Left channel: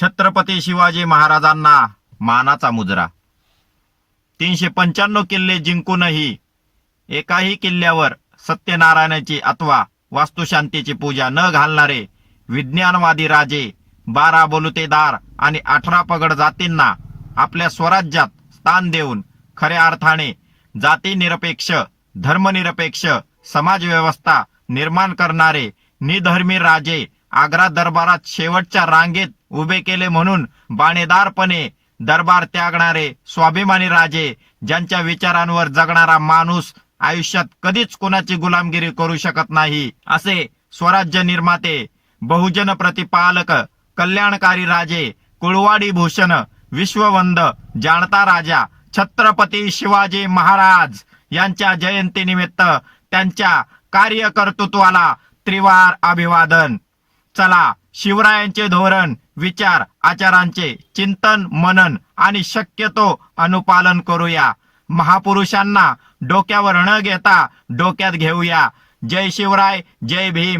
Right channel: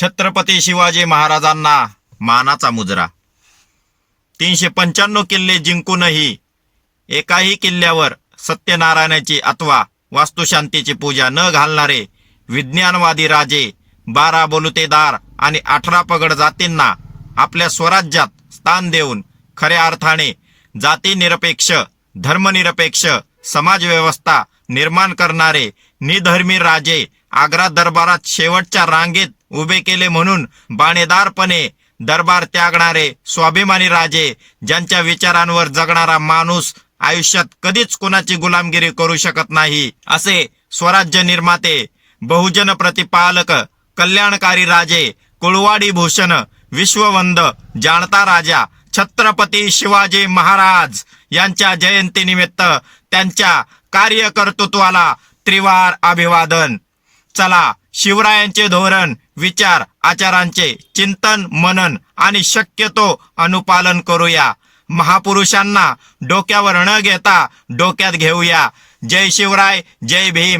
छत्रपती शिवाजी महाराजांना मानाचा मुजरा. तीनशे पंच्याण्णव किल्ले जिंकूनही एकाही किल्ल्यावर सत्यनारायणाची अथवा वास्तुशांतीची पूजा न घालणारे विज्ञानवादी राजे बारा बलुतेदार आणि अठरा पगड जातींना आपल्या स्वराज्यात स्थान देऊन खऱ्या अर्थाने जातीनिरपेक्ष धर्मनिरपेक्ष समाजव्यवस्था निर्माण करणारे निधर्मी राजे आग्रा दरबारात शेवटच्या रांगेत उभे केले म्हणून बाणेदारपणे दरबार त्यागणारे स्वाभिमानी राजे ज्यांच्या विचारांवर जगणारा माणूस आयुष्यात कधीच कोणाची गुलामगिरी करू शकत नाही असे स्वराज्य निर्माते बहुजन प्रतिपालक कल्याणकारी राजे कुळवाडी भूषण विश्ववंद जाणता राजा छत्रपती शिवाजी महाराज यांच्या जयंतीनिमित्त त्यांच्या कार्यकर्तृत्वाला त्रिवार अभिवादन. चला शिवरायांचे धोरण विचार आचारांचे चिंतन मनन आणि शक्यतो अनुपालन करूया. महापुरुषांना डोक्यावर न घेता डोक्यात घेऊया. जय शिवराय जय भीम.